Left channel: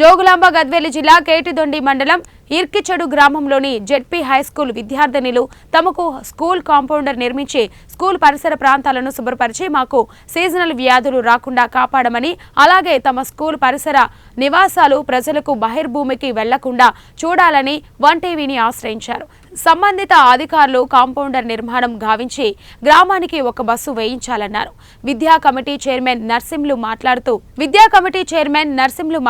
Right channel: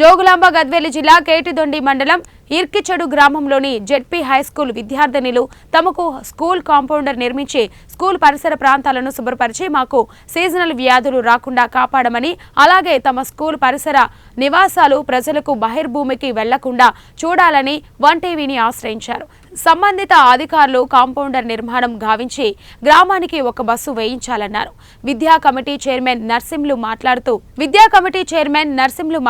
జోగులాంబ గద్వేలు జిల్లా కేటిదొండి మండలం ఇర్కిచెడు గ్రామంలోని జెడ్పీ హైస్కూల్ విద్యార్థినులు తమకు స్కూల్ కాంపౌండర్ నిర్మించి స్కూల్ పరిసర ప్రాంతాలను శుభ్రపరిచి మాకు సీజనల్ వ్యాధులు రాకుండా కాపాడమని, అలాగే తమ స్కూల్ పరిసర నివాసాలు ప్రజలకు బహిర్భూమికి వెళ్లకుండా చూడాలని వన్ టీవీని ఆశ్రయించారు. సంబంధిత అధికారులు కాంపౌండర్ నిర్మాణం గావించి గ్రామానికి ఒక బస్సు వేయించాలన్నారు. విద్యా కమిటీ చైర్మన్ నర్సింలు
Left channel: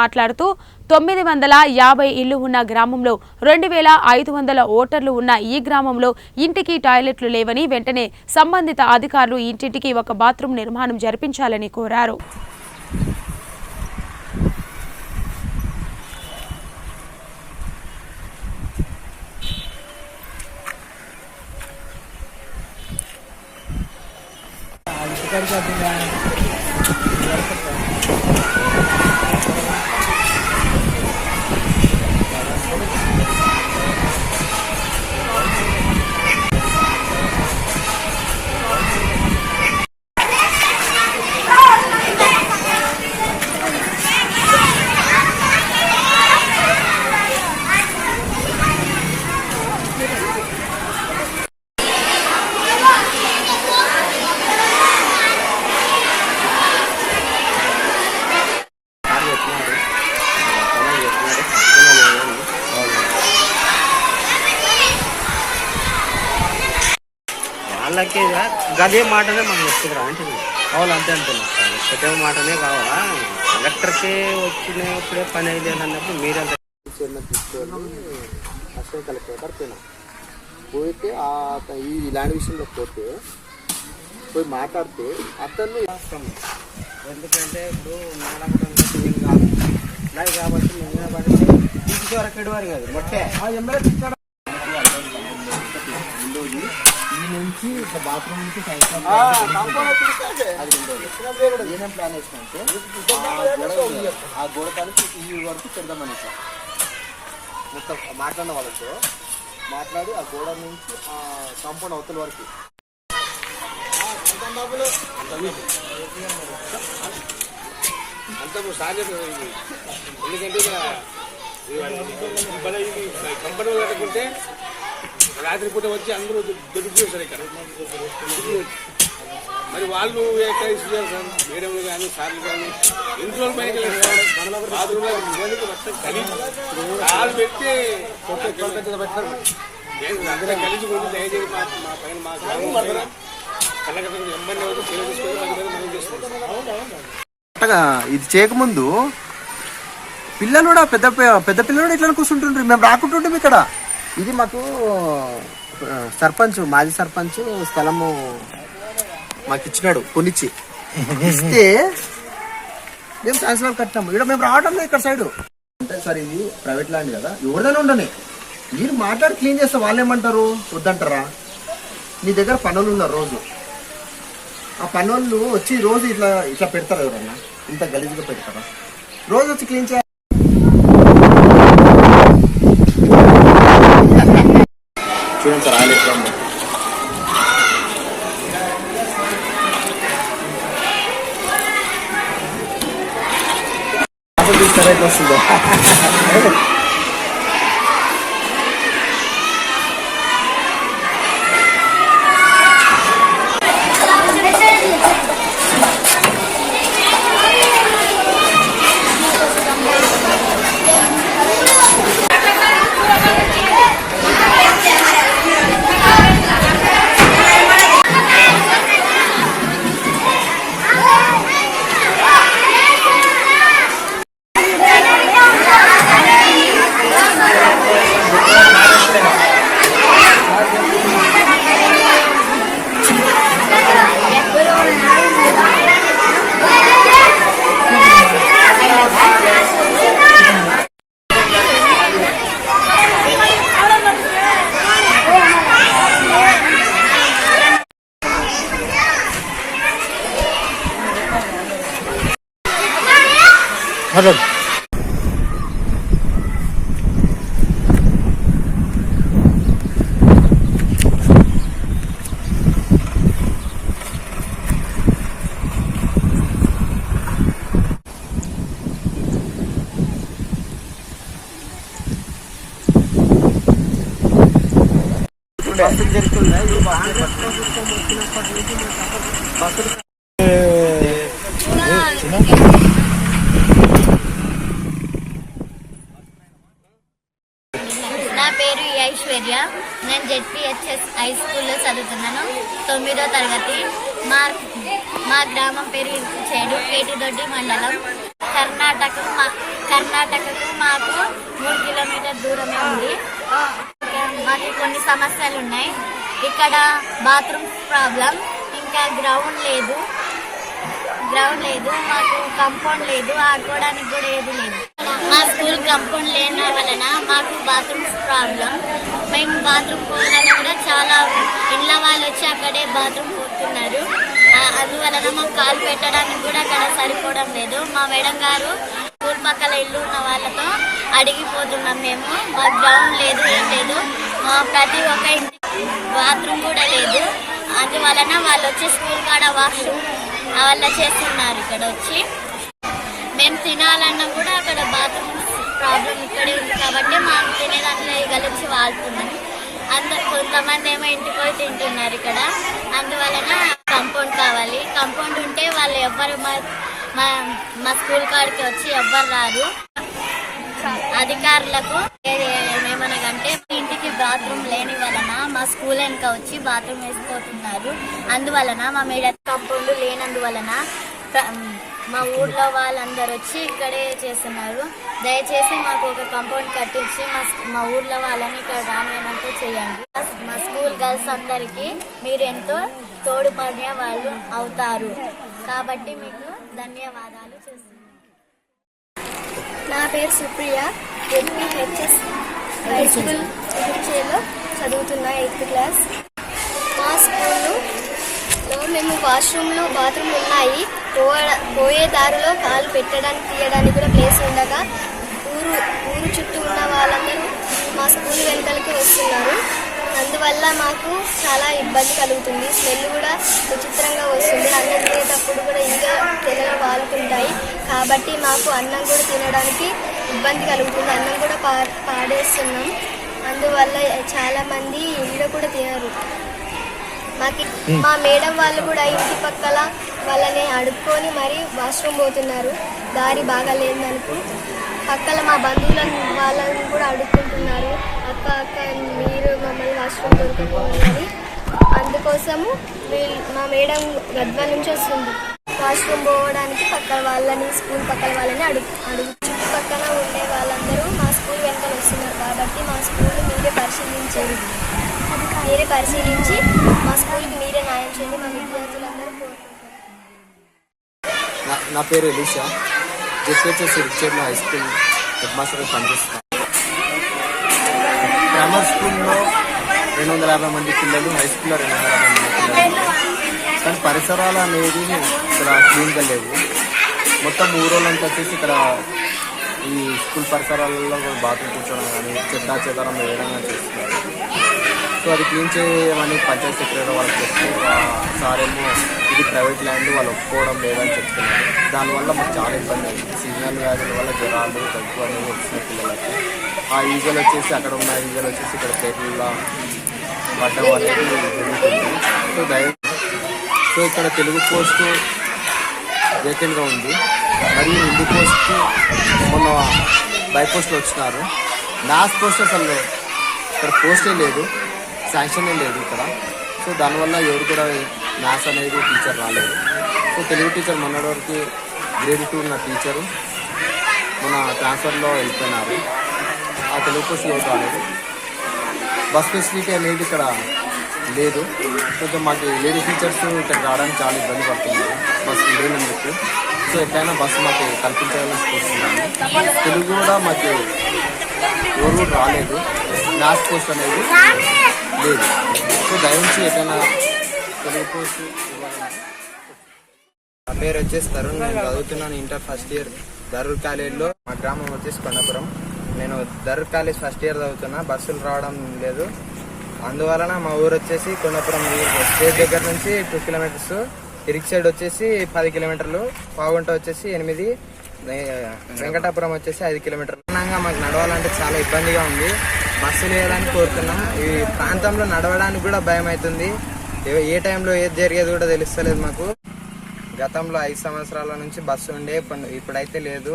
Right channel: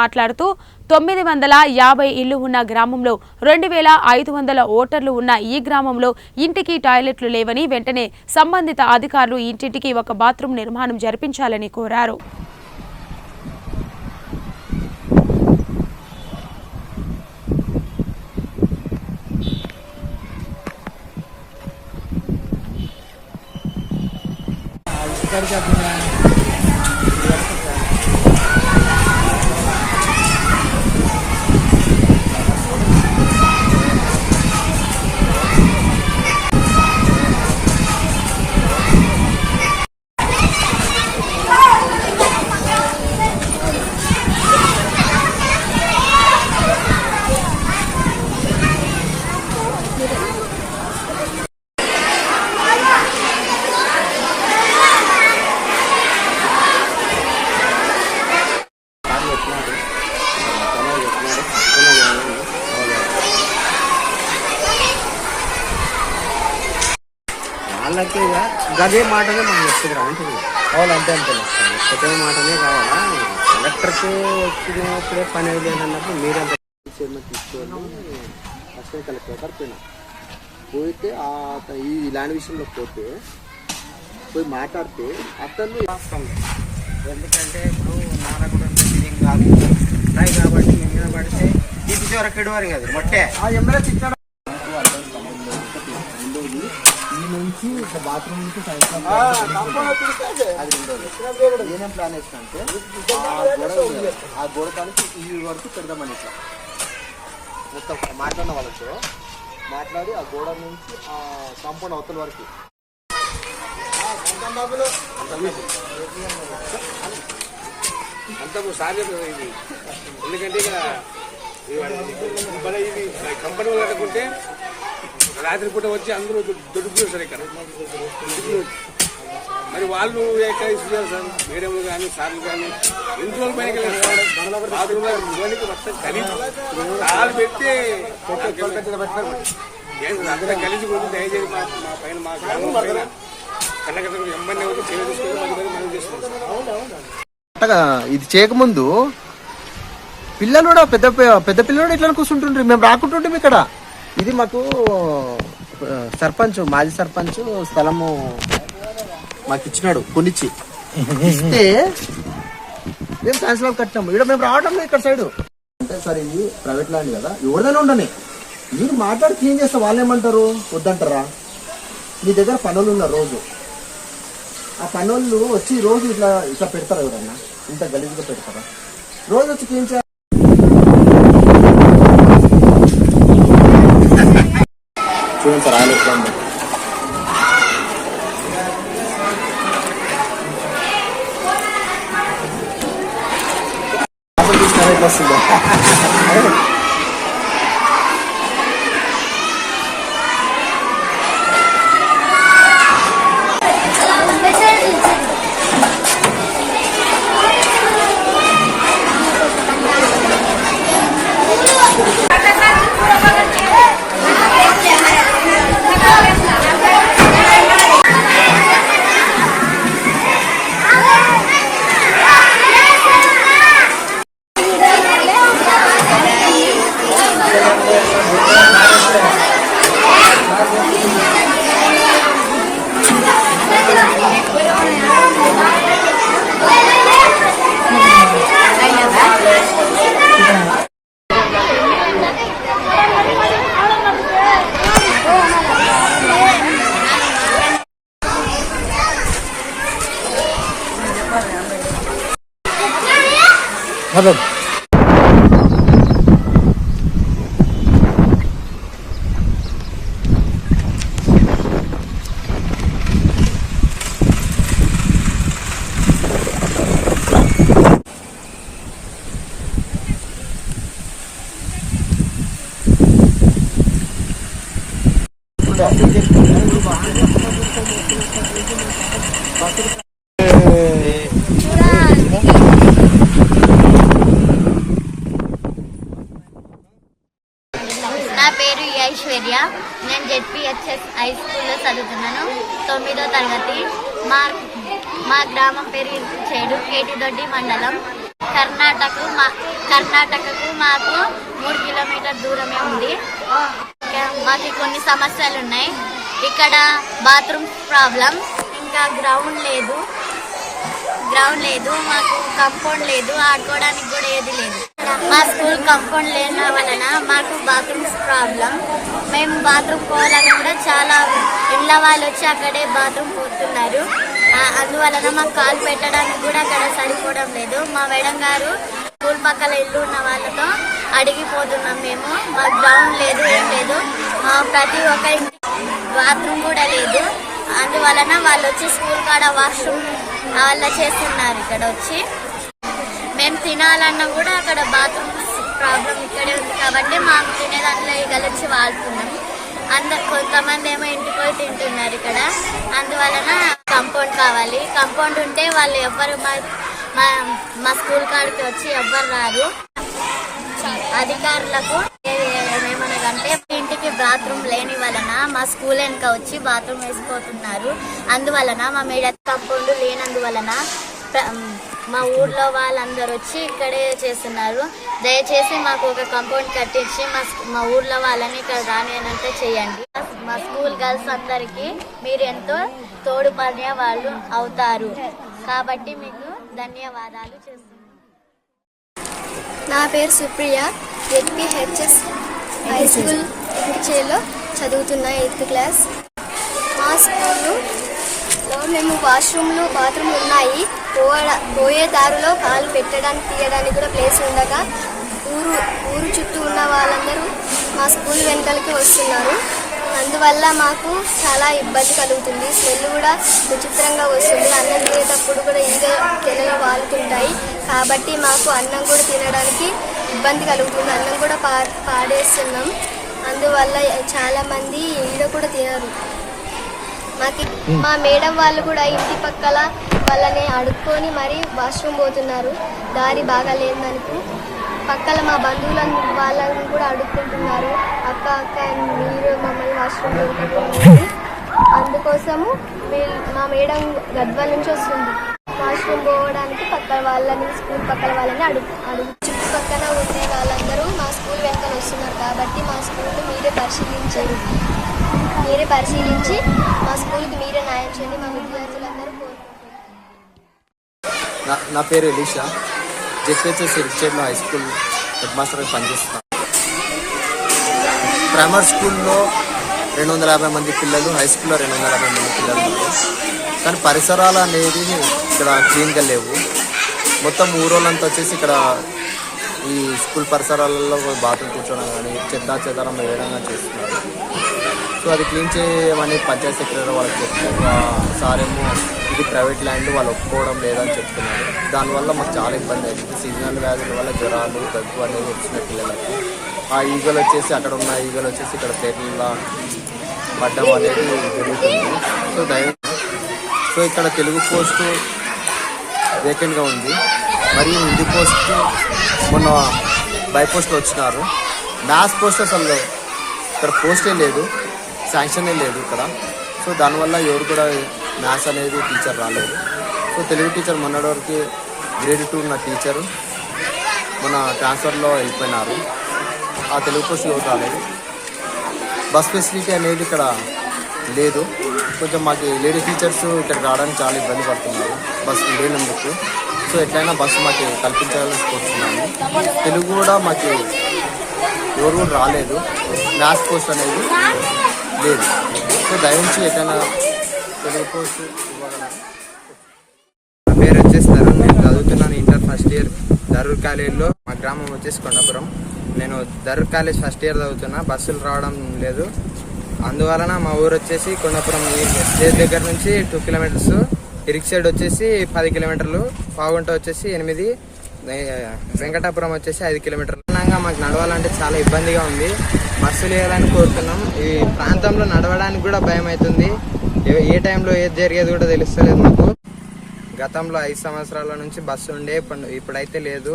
మాట్లాడుతూ 950 ఇళ్లు ఉన్న గ్రామంలో 2500 ఓటర్లు ఉన్న ఈ గ్రామంలో ఇంటికి టాయిలెట్లు లేవని, వెంటనే సంబంధిత అధికారులు ఇంటింటికి ఒక బాత్రూం నిర్మాణం జరిపించాలని కోరారు. వాళ్ళకి గదే మాటనే మనం వస్తుంది అంటుంది. కావాలంటే అంతే కొత్త మాటనే కావాలా. కలెక్టర్కే వచ్చినప్పుడే పని లేదన్నప్పుడు మీరంతా తీసుకెళ్ళి అసలు కలెక్టర్ దగ్గర పోయితే ఇలాంటి విషయంలో పోయి మాట్లాడితే అతన్ని ఎందుకంటే ఇప్పుడు మనకు కాబట్టి నేను పడితే తీసి వరకు ఎడవారు కదా మొట్టే ఈ నుంచి ఒక బాత్రూమ్ నుంచి ఏమేం ప్లాన్ వేసిన అంటే ఆ గోడ కానికి ఈ వరకు పెడదామని మొత్తం మాట్లాడిన వాళ్ళతో మాట్లాడి ఆ గోడ నుంచి ఆ కాంపౌండ్ అవతల వరకు అంత సాధ్యత ఇది. ఎందుకంటే ఇక కంపెనీ కట్టుకుంటే రాత్రిపూట వచ్చి అందరూ దొరుకుతారు ఇక్కడ. మరి వాళ్ళు ఎక్కడ ఇస్తున్నారు సార్, మేడంలు కానీ సార్లు కానీ ఎన్ని రోజులు పైకి మొత్తం కలిసి పెట్టి కలిసి కొంచెం దయచేసి మా పైన మా కళ్ళకట్ట ఎమ్మెల్యే వచ్చి చర్య తీసుకొని మనం చేస్తున్నాం. ఇది చేయకముందు పిల్లలు కూడా పెద్ద పిల్లలు ఇట్లా కూర్చుంటుండ్రు. మేము రాకుంటుంటాం ఇక్కడ. ఇది మాకు సర్పంచ్, మాజీ సర్పంచ్ స్థలము మాకు ఇచ్చినాడు, కొనిచ్చి ఇస్తే మేము సాయంత్రం కట్టినాము. ఇక్కడ మేము రావడం ఇక్కడ సైడ్ అంటే సార్ ఇది ప్రైవేట్ ల్యాండ్ కదా, ఎవరిదైనా ఉండని మీరు మాట్లాడి క్లీన్ చేస్తే వాళ్ళు ఏమంటారు, వద్దంటారా? మీ దగ్గర పనులు ఉన్నారు రోజు, ఆ పనులు వచ్చి రోజు ఇట్లా పెడతారా? ఎవరన్నా ఇంత గలీజ్గా పెడతారా? రోజు వచ్చి క్లీన్ చేయాలి. చూడండి సార్, ఆయన ఎట్లా ఉంది. వస్తుందా Hadi. నా పేరు ఐశ్వర్య. నేను జెడ్పీహెచ్ఎస్ హై స్కూల్లో చదువుతున్నాను, 9వ తరగతి. మా గ్రామం పేరు ఇర్కిచేడు, కేటిదొడ్డి మండలం. కర్ణాటకకు మాకు 3 కిలోమీటర్ దూరమే ఉంది. మాకు కొన్ని సమస్యలు ఉన్నాయి. ఇక్కడ బాత్రూమ్ ప్రాబ్లం, ఇంకా గ్రౌండ్ లేదు, మాకు కంపౌండ్ లేదు, ఆడుకోవడానికి కూడా ఏది లేదు. మా స్కూల్ కంపౌండ్ లేని వలన మాకు బాత్రూమ్స్ ప్రాబ్లం. మేము బాత్రూమ్ పోవాలని కూడా చాలా ఇళ్ళ వాళ్ళు వచ్చి అక్కడే బాత్రూమ్ పోతున్నారు. అందువలన మాకు కాలు పెట్టడానికి కూడా అక్కడ సరిపోవడం లేదు. మా మేడం గారు స్కూల్ పక్కల ఇల్లు ఉన్న వాళ్ళతో అడిగిపోతున్నాం మేము. మా గ్రౌండ్ లేదు, ఏం లేదు, ప్రతి ఒక్క ఇంటి బాత్రూమ్ కూడా లేదు. అందువలన వాళ్ళు వచ్చి స్కూల్ కాడ వాష్రూమ్ వాళ్ళ చేస్తున్నారు. ఇక్కడ వచ్చి మేము తినాలన్నా కూడా అక్కడ బాత్రూమ్ ప్రాబ్లం ఇక్కడే ఉంది కాబట్టి మాకు తినే దాంట్లో ఈగలు వచ్చి వాడుతున్నాం. కొంతమంది ఏమో ఇంటికి పోయి తింటున్నారు ఇక్కడ. అందువలన కంపౌండ్ కావాలి. కంపౌండ్ ఉంటే వాళ్ళు ఎవ్వరు మా స్కూల్ కాడికి వచ్చి ఎవ్వరు రారు. అధికారులకు ఏమనగంటే ఇంటికి బాత్రూమ్ లేని వలన మా స్కూల్ వెనుక వచ్చి బాత్రూమ్ వేసిపోతున్నారు. అందువలన మా మేడం కంపౌండ్ లేనందువలన మా ఊర్లో వాళ్ళందరూ వచ్చి ఇక్కడే చేస్తున్నారు. దయచేసి మాకు ఒక కంపౌండ్ కట్టించి మా ఊర్లో వాళ్ళని ఇక్కడ రానియనంటే చేయండి. మా స్కూల్ గర్ల్స్ అందరికీ మీరు ఎంతో తోడ్పడే వాళ్ళు అవుతారు కాబట్టి మీకు ధన్యవాదాలు చేస్తున్నాను. నా పేరు సుప్రియ. జెడ్పీహెచ్ఎస్ హై స్కూల్ ఇర్కిచేడులో చదువుతున్నా, 8th క్లాస్. మా స్కూల్లో మేము బాత్రూమ్లు ఉన్నాయి. పోయే దారిలో కాలు పెట్టడానికి తీయడానికి కూడా ప్లేస్ ఉండగా ఊరు చుట్టూ ఉన్న వాళ్ళందరూ మా స్కూల్ వెనకాలకి వస్తున్నారు. అందువల్ల మాకు చాలా ఇబ్బంది కలుగుతుంది. స్మెల్ కూడా విచిత్రంగా వస్తుంది. అన్నం తినేటప్పుడు కూడా తెల్లగా వాలుతుంటాయి. కాబట్టి మాకు అన్నం కూడా తినడానికి ఇబ్బంది కలుగుతుంది. అన్నం కూడా పాడేస్తున్నాం. అందువల్ల చాలా మంది ఈడ కూడా తినరు. మా మేడం వాళ్ళు కూడా ఇంటి పక్కల వాళ్ళని అడుక్కొని మరి వాష్రూమ్ పోతున్నారు. దారి బాగా లేదనుకో పక్కల మా బంధువులను వాళ్ళని కూడా అడుక్కుంటున్నారు. అక్క మీరు మమ్మల్ని వాష్రూమ్ దొరుకుతుంది. అందుకోసము మా మేడం గద్వాల నుంచి వస్తుంది. వాష్రూమ్ పోవడానికి పక్కన వాళ్ళని స్కూల్ పక్కల వాళ్ళని అడుగు చుట్టుపక్కల ఉండే వాళ్ళందరూ మా స్కూల్ వెనకాల వస్తున్నారు. కాబట్టి మా స్కూల్ మీరే పరిశీలించి మా స్కూల్కి మీరే న్యాయం చేయండి. మా విద్యార్థులందరూ కోరుకుంటున్నారు. నా పేరు ఎలీషా. జెడ్పీహెచ్ఎస్ ఇర్కిచేడులో హై స్కూల్ హెడ్ మాస్టర్గా పనిచేస్తున్నాను. ప్రైమరీ స్కూల్లో 250 మంది పిల్లలు, హై స్కూల్లో 250 మంది పిల్లలు. కానీ పరిసరాలు అనేది ఇక్కడ క్లీన్గా లేవు. మొత్తం ఊరోళ్ళంతా వచ్చేసి ఇక్కడ ఈ స్కూల్ పరిసరాలలో బాత్రూమ్ కూర్చోవడం కానీ చెదారం వేయడం కానీ చేస్తున్నారు. సో అది క్లీన్ చేయమని పంచాయతీ సెక్రటరీ వాళ్ళకి చెప్తే సార్ ఏమో ఇది ప్రైవేట్ ల్యాండ్ వాళ్ళు ఒప్పుకోవడం లేదని చెప్తున్నారు. దానివల్ల మాకు చాలా ఇబ్బంది అవుతుంది. సీజనల్ వ్యాధుల వల్ల జ్వరాలు, దగ్గు అనేవి వచ్చిన పిల్లలకి ఆ ఈగలు వచ్చేసి అక్కడ ఉన్న ఈగలు వచ్చేసి ఇక్కడ పేర్ల పడ్డం అనేది జరుగుతుంది. సో ఇక్కడ తెలుగు పోస్టు వేకెంట్గా ఉంది. మరియు హిందీ పోస్టు మొన్న బై పోస్టులు వచ్చినారు. మ్యాథ్స్ పోస్ట్ అసలు ఇక్కడ పోస్టే లేదు, శాంక్షనే లేదు ఇక్కడ. సో దానివల్ల ఎవరు కూడా మ్యాథ్స్ అనేది టీచర్ రాలేదు. సో తెలుగు టీచర్ మొన్నటి వరకు గ్రేడ్ 2 ఉన్న టీచరు మన ట్రాన్స్ఫర్లో వెళ్ళిపోయినారు. ఆ తెలుగు పోస్ట్ ఎవరు రాలేదు. బస్ ఫెసిలిటీ అనేది ఇక్కడ లేదు. కొంచెం మాకు లేడీ టీచర్స్ ఇక్కడ రావడానికి చాలా ఇబ్బంది పడుతున్నారు బస్సు లేనందుకు. సో ఎట్లయినా బస్సు మాకు కల్పించాలని కోరుతున్నాము. తెలుగు కూడా మాకు ఎవరు కూడా రాలేదు. మ్యాథ్స్ పోస్ట్ అనేది లేదు. సో దయచేసి ఎట్లయినా తెలుగు పోస్ట్ ఇవ్వగలరు. పేరు వచ్చేసి తరుణ్. నేను చదువుతున్నాను ఇంటర్ ఫస్ట్ ఇయర్ దరూర్ కాలేజ్లో. మా గ్రామం వచ్చేసి కొండాపురం. నేను దరూర్ కాలేజ్ ఫస్ట్ ఇయర్ చదువుతున్నా. బస్సులు రావడం లేదు. అందువలన మా ఊరు వచ్చేసి కొండాపురం స్టేజ్ దగ్గర నుంచి 2 కిలోమీటర్స్, ఇర్కిచేడు వచ్చేసి 10 కిలోమీటర్లు, పావుగుంట వచ్చేసి 8, వెంకటాపురం వచ్చేసి 5 కిలోమీటర్లు. విధంగా మాకు నడవాలంటే చాలా ఇబ్బందిగా ఉంది. బస్సులు వేయాలని కోరుతున్నాం. ఈ ప్రాంతంలో నడవడానికి కూడా భయం అవుతుంది. ఏ టైంలో ఏది జరిగేది కూడా తెలుస్తలేదు మాకు. గతంలో 5 సంవత్సరాల నుంచి బస్సు ఉండే, ఇప్పుడైతే లేదు.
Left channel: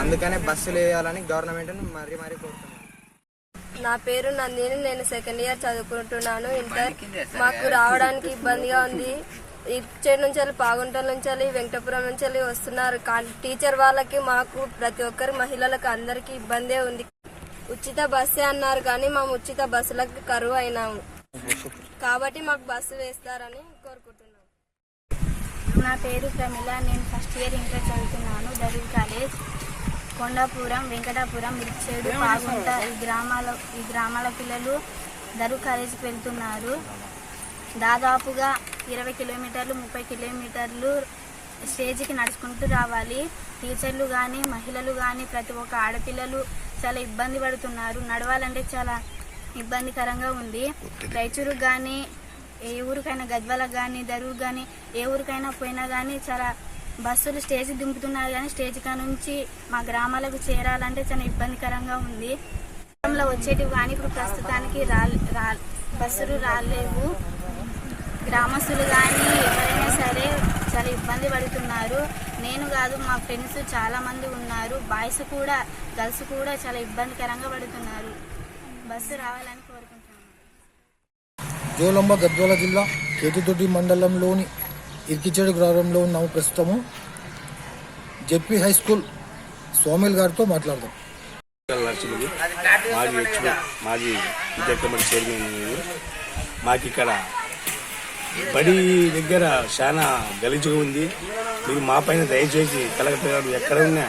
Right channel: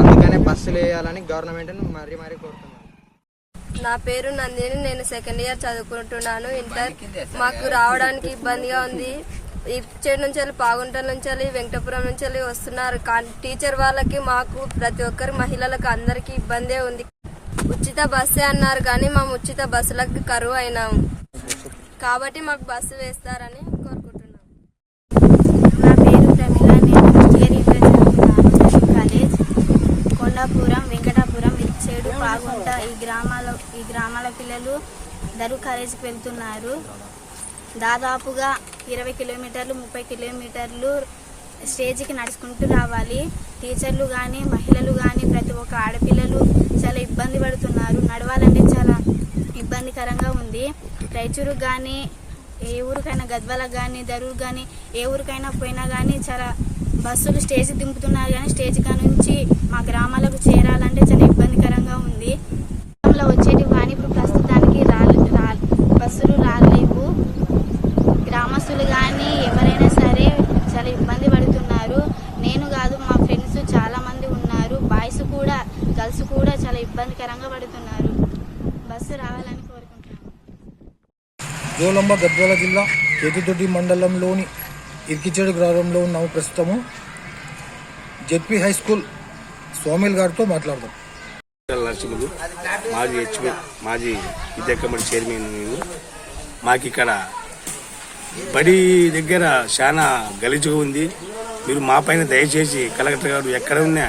అందుకనే బస్సులు వేయాలని గవర్నమెంట్ను మరీ కోరుతున్నాం. నా పేరు నందిని, నేను సెకండ్ ఇయర్ చదువుకుంటున్నాను, ఇంటర్. మాకు రావడానికి ఇబ్బందిగా ఉంది. ఇచ్చేడు నుంచి వెళ్ళి, పాగుంటల నుంచి వెళ్ళి, వెంకటపురం నుంచి వెళ్ళి వస్తున్నారు. టీచర్ వాళ్ళకి, మాకు, ప్రతి ఒక్కరు మహిళలకు అందరికీ ఇబ్బందే ఉంది. ఉచిత బస్సే అన్నారు కానీ మేము ఉచిత బస్సులకు కరువు అయినాము. కాబట్టి మాకు బస్సు వేస్తారని కోరుకుంటున్నాం. నా పేరు ప్రమిళ, నేను ఫస్ట్ ఇయర్ ఇంటర్ చదువుతున్నాను, బషీర్ కాలేజ్. కొండాపురం, వెంకటాపురం, ఇచ్చేడు, పాగుంట ఈ గ్రామాల పిల్లలు దరు కాలేజీకి వెళ్తున్నారు. దాదాపుగా 20 కిలోమీటర్లు 30 కిలోమీటర్లు స్టేజ్కి నడుచుకుంటూ రావాలి. టీచర్లు కానీ, మహిళలు కానీ, ప్రతి ఒక్క ఆడపిల్లలు చాలా ఇబ్బంది పడుతున్నారు. నడవాలంటే చాలా ఇబ్బందికరంగా ఉంది. రైచూరుకు కానీ, ఏ ఊరికైనా, గద్వాలకు కానీ, దరూరుకు కానీ, ఏ ఊరికైనా పోయినా కానీ చాలా బస్సులు స్టేజ్ దింపుతున్నారు. కానీ స్టేజ్ కా నుంచి మా గ్రామాలకు చేరాలంటే చాలా ఇబ్బందికరంగా ఉంది. గ్రామంలో వచ్చేటివి కానీ ఇప్పుడు ప్రస్తుతానికి బస్సులు రాలేవు. గ్రామస్తులు కానీ ఎవరైనా సరే చాలా ఇబ్బంది పడుతున్నారు. నేను కాదు, మా ఫ్రెండ్స్ చాలా మంది ఉన్నారు. బాయ్స్ కూడా, గర్ల్స్ కూడా చాలా ఇబ్బందికరంగా పడుతున్నారు. బస్సు రావాలని కోరుకుంటున్నాను. జోలమ్మ గద్వాల జిల్లా కేతిదొడ్డి మండలంలోని ఇర్కిచేడు గ్రామంలో ఉన్నాము. ప్రస్తుతము జెడ్పీ హై స్కూల్ సోమిల్ గారితో మాట్లాడదాం. నరసింహులు, మాజీ విద్యా కమిటీ చైర్మన్. మాకు ఇక్కడ బడి దగ్గర చాలా గలీజుగా ఉంది. మీరు మా పైన దయచేసి కలెక్టర్ గారు ఎక్కడ ఉన్నా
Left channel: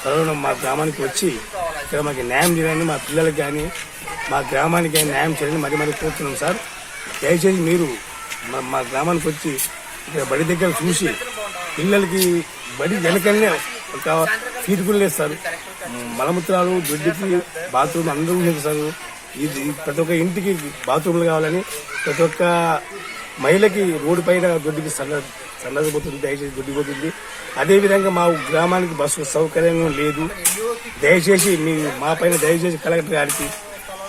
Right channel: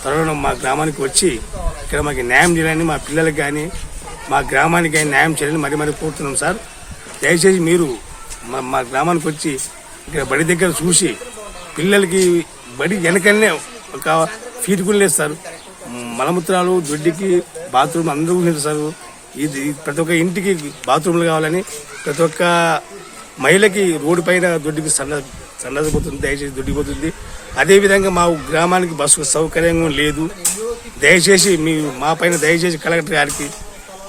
త్వరలో మా గ్రామానికి వచ్చి ఇక్కడ మాకు న్యాయం చేయాలని, మా పిల్లలకి కానీ మా గ్రామానికి కానీ న్యాయం చేయాలని మరీ కోరుతున్నాం సార్. దయచేసి మీరు మా గ్రామానికి వచ్చి ఇక్కడ బడి దగ్గర చూసి పిల్లలకి బడి వెనకనే ఒక ఫీజు కూడా లేదు సార్. మలమూత్రాలు, దొడ్డికి బాత్రూమ్ అందరూ లేదు సార్. ఇది ప్రతి ఒక్క ఇంటికి బాత్రూమ్లు కావాలని, ప్రతి ఒక్క మహిళకి రోడ్డు పైన దొడ్డికి సన్నదిపోతుంది, దయచేసి దొడ్డిపోతుంది. అదేవిధంగా మా గ్రామానికి బస్సు సౌకర్యంగా లేదు. దయచేసి మా పైన దయచేసి కలెక్టర్ గారికి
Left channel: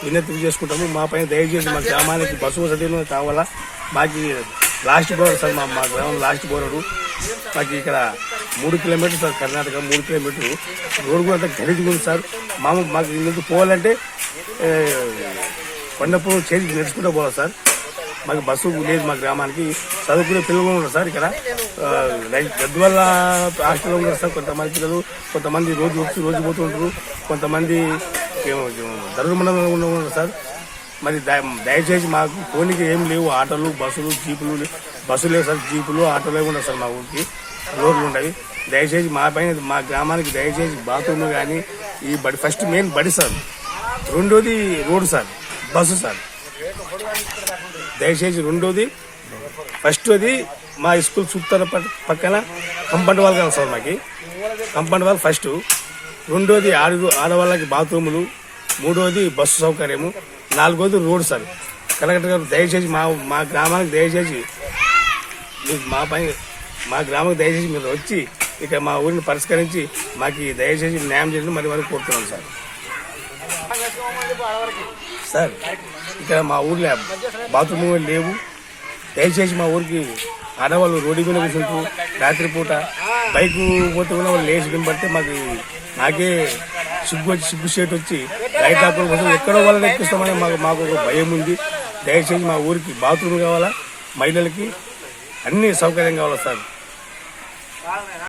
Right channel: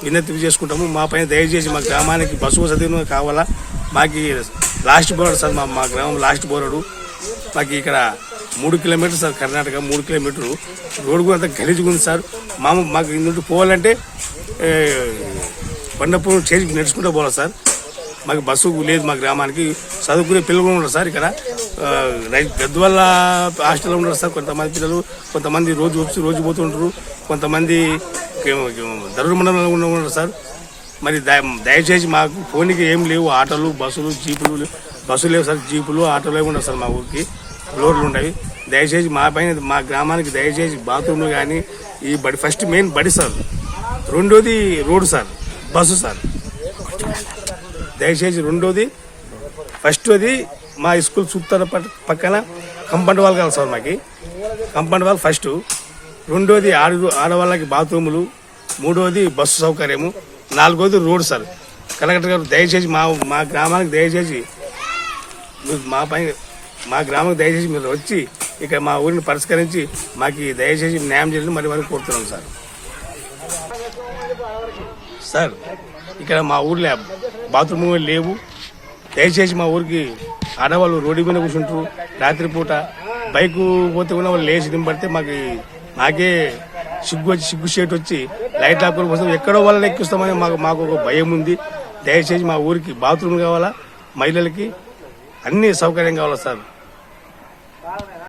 వినతి చేసుకుంటాము. మా పైన దయచేసి మా గ్రామానికి బస్సు వసతి కావాలా. మాకు లాస్ట్ బోర్డు సార్, మా గ్రామం లాస్ట్ బోర్డు. మాకు ఇక్కడ 3 కిలోమీటర్లు సార్, కర్ణాటక 3 కిలోమీటర్లు రోడ్డు కూడా అంతా గలీజుగా ఉంది సార్. మాకు ఇంటి పోవాలంటే కొండపూర్ చేసి నడుచుకుంటూ పోవాలి సార్. మాకు బస్సు లేదు. మా గ్రామానికి చదువుకునే పిల్లలు ఉన్నారు సార్. ఇక్కడ గద్వాల హాస్టల్లో ఉన్నారు సార్ కొంతమంది పిల్లలు. కొంతమంది రోజు వచ్చి రోజు పోతుంటారు. కొంతమంది దరూరు మండలంలో ఉన్నారు సార్. మరి దయచేసి మాకు ఫోన్కి ఏం లేవు. ఆటోలు, బస్సులు, జీపులు, బస్సులు లేవు సార్. జీపులు, ఆటోలు ఏమి ఉండవు సార్. మా ఊరికి రోడ్లు ఉంటాయి. దయచేసి మా గ్రామానికి దయచేసి బాత్రూమ్లు కానీ, ఈ బడి ఫస్ట్ మెయిన్ బడి సార్. రెండోది రోడ్డు సార్, బస్సు సార్. దయచేసి రెండోది, ఫస్ట్ అది మా స్కూల్ చుట్టాల పక్కన కంపౌండ్ వాల్ కావాలి సార్. మాకు కంపౌండ్ వాల్ ఫస్ట్. రెండోది ఆడవాళ్ళకి బాత్రూములు. మూడోది బస్సు సౌకర్యము. నాలుగోది రోడ్డు సార్. కలెక్టర్ గారు దయచేసి మా గ్రామానికి దయచేసి మా గ్రామానికి దయచేసి మీరు వచ్చి ఇక్కడ మా ఊరిని పరిష్కరించి మాకు దయచేసి న్యాయం చేయాలని మరి కోరుతున్నాం సార్. సార్ ఇక్కడ మా ఊర్లో బాత్రూమ్ లేవు. దయచేసి మా ఊరికి ఆడవాళ్ళు రోడ్డు మీద కూర్చుంటారు. రాత్రిపూట బైక్ పోతే కూడా వాళ్ళు లేచి దింపడితే నాకే సిగ్గు షేట్ వచ్చి లైట్ ఆకుల కోసం ఎక్కడో వాళ్ళని ఎక్కిస్తామని మాకు ఒక భయం ఉంది. దయచేసి మా ఊరికి బాత్రూమ్ కావాలా, మహిళలకి అన్ని సౌకర్యం కావాలా సార్.